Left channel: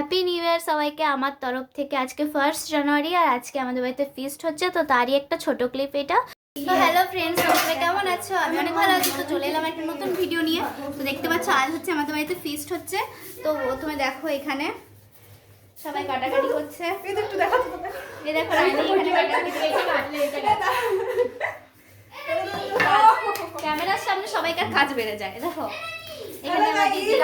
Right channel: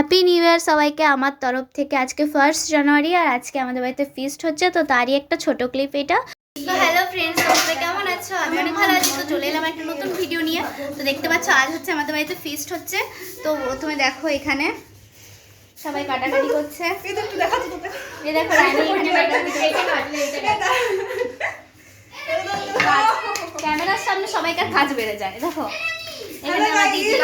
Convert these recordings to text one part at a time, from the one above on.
Happy new year সবাইকে আমার তরফ থেকে। আজকে 1 জানুয়ারি আর আজকে আমাদের বাড়িতে ফিস্ট হচ্ছে, তো তারই একটা ছোট ক্লিপ এটা। তো হ্যালো ফ্রেন্ডস, তোমরা কেমন আছো? আমি অনেক ভালো আছি। তো চলে এলাম একটা নতুন ভিডিও নিয়ে। তো দেখতে পাচ্ছ আজ হচ্ছে আমাদের বাড়িতে ফিস্ট হচ্ছে। তো তুমি দেখো এখানে সবাই কাটাকাটি করছে। এই দেখো ক্যামেরার সামনে সবাইকার কাজ বেড়ে যায়। দেখো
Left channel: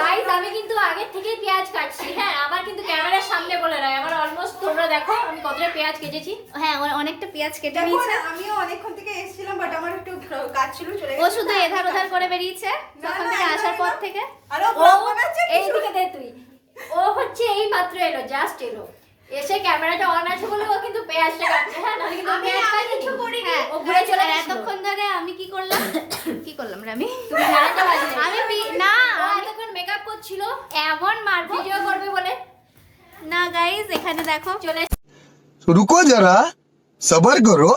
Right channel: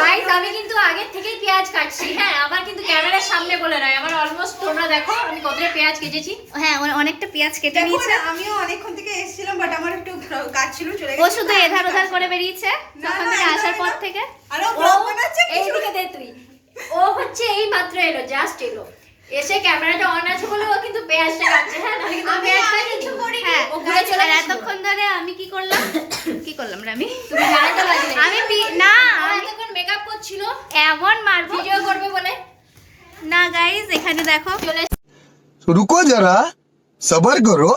গাইস, আমি কিন্তু আগে থেকেই পেঁয়াজ কাটছি। হ্যাঁ, আবার কিন্তু ক্যামেরার সামনে বলে নয়, আমার অলমোস্ট তোমরা দেখো আমি কতটা পেঁয়াজ কেটেছি। হ্যাঁ, অনেকটা পেঁয়াজ কেটে নিয়েছে। আমিও অনেকক্ষণ থেকে এসেছিলাম, বাট আমার একটু কাজ ছিল, চলে ও শুধু এধার ওধার করে বেরিয়েছে তখন থেকে আসার পর থেকে। আরে ও এইদিকে দে তুই। ও হচ্ছে এই মাত্র এলো, জাস্ট এলো, এসে ক্যামেরাটা অন আছে বলে ও কিন্তু পেঁয়াজটা কাটছে। হ্যাঁ, নাহলে কিন্তু পেঁয়াজটা কিছু করিনি। হ্যাঁ, ও ঘুরে চলে আর এতক্ষণ ধরে আমি কি করলাম রে আমি? তুমি জানাতে পারলে আমি না, এতক্ষণ মেকআপ করছিল এমন মারবো ভিডিও করবে বলে। না গাইস, এখানে দেখো চলে रुको जरा सबर करो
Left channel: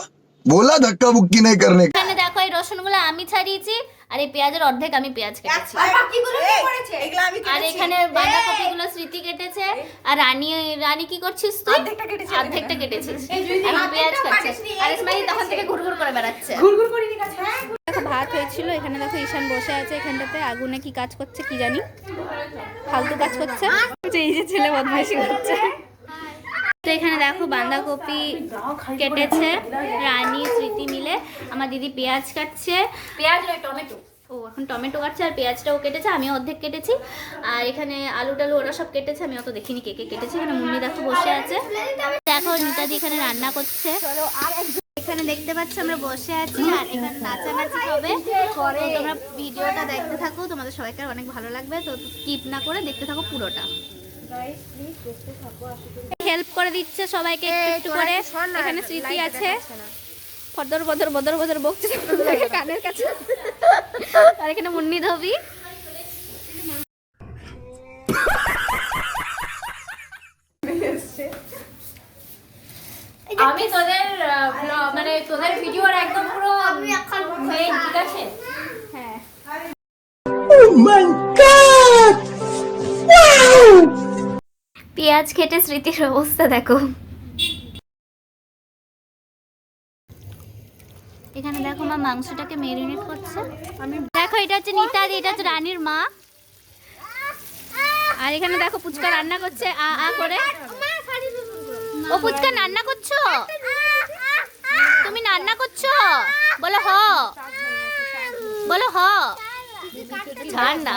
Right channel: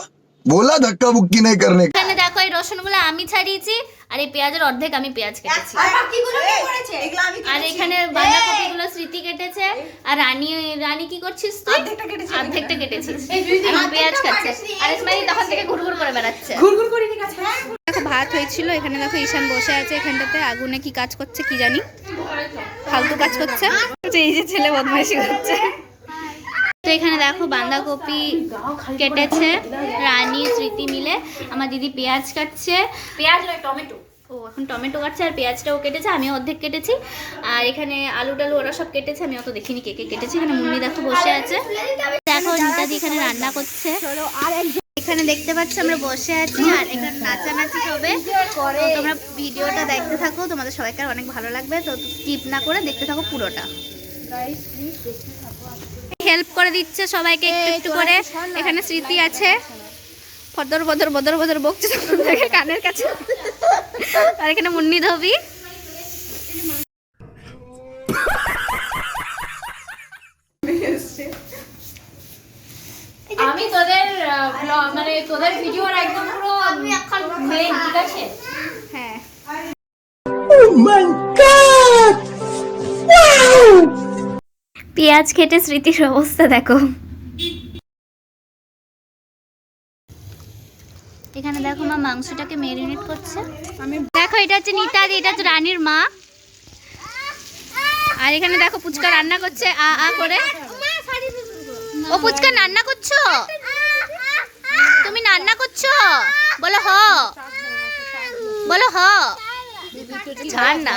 बोला धक्का बुक्की नहीं करने का। এখানে দেখো এই রসুনগুলো আমি ছাড়িয়েছি আর এই পেঁয়াজের অর্ধেক আমি পেঁয়াজ কেটেছি। আর বাকিগুলো কি করেছে? এগুলো আমি আর এখানে বাঁধাকপিগুলো স্মৃতি কেটেছে আর রানী কি করছিস তুই? অর্ধেকটা কেটেছিস, এখন পেঁয়াজ খাচ্ছে। আর ইসমাইল তখন থেকে ঘুরঘুর করে বেড়াচ্ছে। ঘুরঘুর করে নি কাছে। দেখো ভাত হয়েছিল, এখানে দেখো ঈশান বসে আছে এখানটাতে, আগুনে কি কাজ করছে কি জানি, ফালতু কাজ করছে। এই যে ছেলে বদমাইশি করছে। তো এখানে দেখো বাঁধাকপি কেটেছে রানী স্মৃতি মিলে, আমার দিদি পেঁয়াজ কাটছে। পেঁয়াজ নয়, টমেটো। ও এখন টমেটো কাটছে আর পেঁয়াজটাও কেটেছে, আমি অর্ধেক কেটেছি। আর এখানে আলু টালু ওরা সব কেটেছে, আমি অত দেখিনি কে কে কেটেছে। এখানে মুন্নি দেখো বসে আছে, দেখো নিতাদি এখানে রান্না করছে। এখানে দেখতে পাচ্ছ আমরা বসে আছি আর এখানে নাচানাচি হবে। তো তোমরা ভিডিওটা দেখতে থাকো, তোমাদের সবাইকার অনেক ভালো লাগবে। তো স্কিপ না করে দেখতে থাকো পুরোটা। হেল্প করে দিচ্ছে সবাইকে একটু একটু করে। এখানে স্মৃতি আছে, ফদর বদর বদর বদর বকছে দেখে কানের কাছে। আর এখানে মুন্নি ধবি। আমি তোদের মানে তোদের ভিডিওর একদম পুরো মেইন, ঠিক আছে? হ্যাঁ, পেঁয়াজ খেটে স্মৃতির অবস্থা দেখো। এখানে দেখো মা মাংসটাকে মেরিনেট করছে। দেখো এটা হচ্ছে নিতাদি, এটা হচ্ছে রানীর মা। আর এখানে দেখো পুচকা রান্না করছে আ আ করে। ও পুচকা রান্না করছো? তুমি রান্না করছো? বলো হ, বলো হ। ঠান্ডা।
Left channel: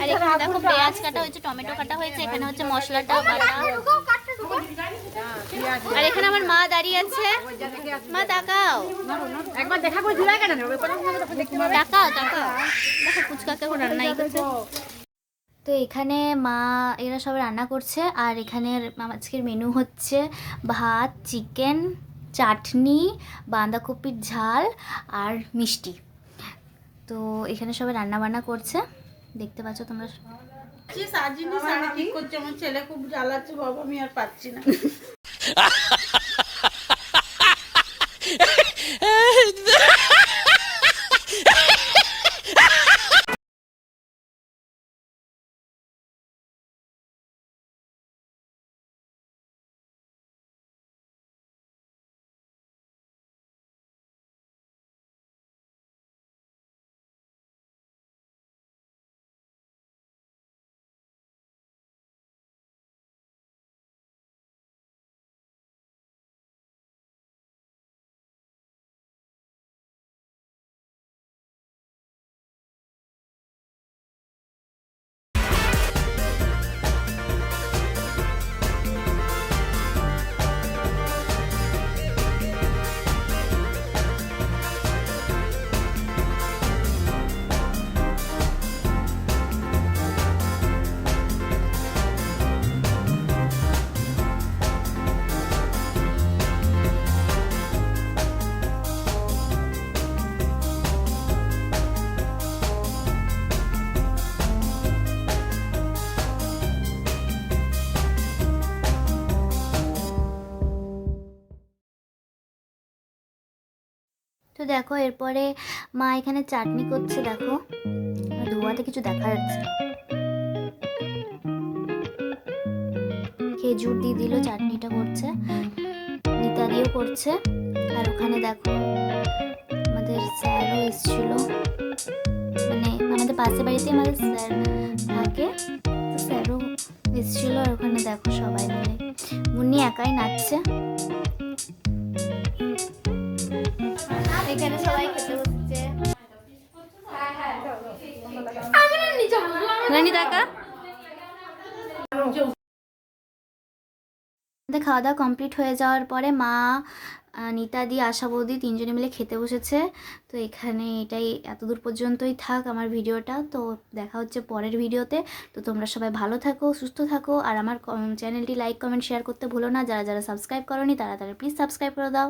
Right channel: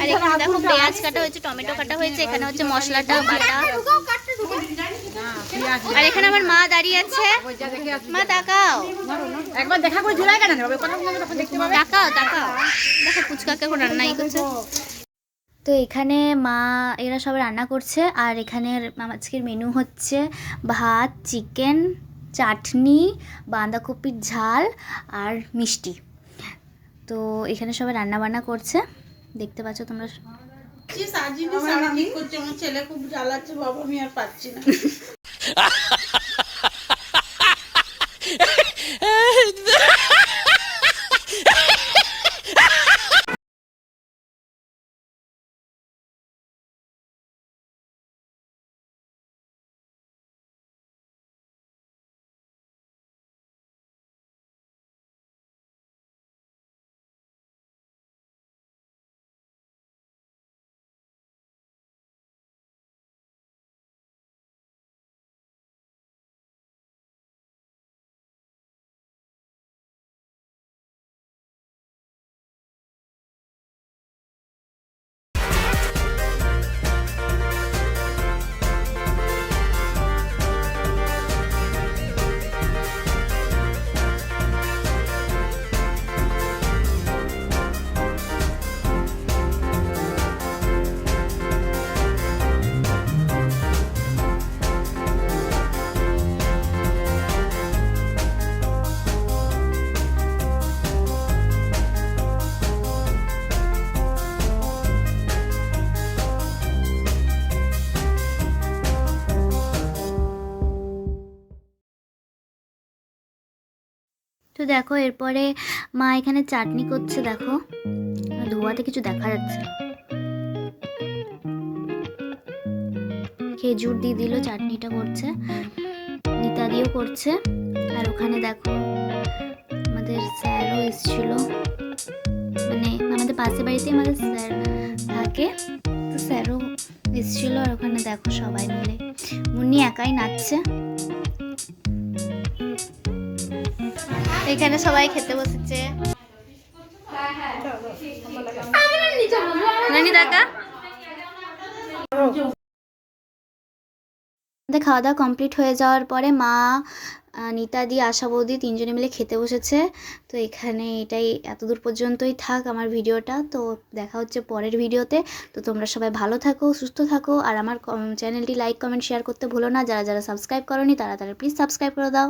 আর এখানে দেখো পেঁয়াজ কাটা হয়েছে, টমেটো কাটা হয়েছে, এখানে হচ্ছে মশলাটা বাটা। আর এখানে আমার মা দাঁড়িয়ে আছে। মা তাকাও, একবার দেখা করে ঝুলাই কেন হবে? তাকাও তাকাও। দেখো ফুচকাকে এখন রান্নাই করছে। তো এখানে মা এরা সব রান্না করছে। আর এখানের আজকের মেনু হচ্ছে ভাত, চিকেন, চাটনি, বাঁধাকপির ঝাল আর মিষ্টি। তো এখানে সবাই রান্না বান্না করছে, দেখতে পাচ্ছ তোমরা। শাড়ি ঠিক করছে, আমার ছেলে খুব জ্বালাচ্ছে বাবা, আমি আর পাচ্ছি না। তো দেখো এরপরে মা এখানে চাটনি করছে, দেখো ধোয়াতে কিছু দেখা যাচ্ছে না। খেজুর দিয়ে দিল, চাটনিটা করছে, নিতা দিয়েও করছে। আর ওখানে দেখো আমাদের স্যারও এসেছিল, মানে আমাদের পাশের বাড়িতে আমাদের স্যার থাকে, তো স্যারও এসেছিলো। আর ওখানে দেখো সবাই মিলে মুন্নি একাই নাচছে। এখানে সবাই খেতে বসেছে। কাকা খাওয়া দাওয়া কমপ্লিট হয়ে যাওয়ার পরে মা, নিতা দি, আশা বৌদি তিনজনে মিলে খেতে বসেছে। তো এখানে এটাই এতদূর পর্যন্তই থাক আমার ভিডিওটা। তো দেখা হচ্ছে পরের ভিডিওতে। তো তোমরা সবাই ভালো থাকো, সুস্থ থাকো, আর আমার চ্যানেলটি লাইক কমেন্ট শেয়ার করতে ভুলো না। যারা যারা সাবস্ক্রাইব করোনি তারা প্লিজ সাবস্ক্রাইব করে দাও।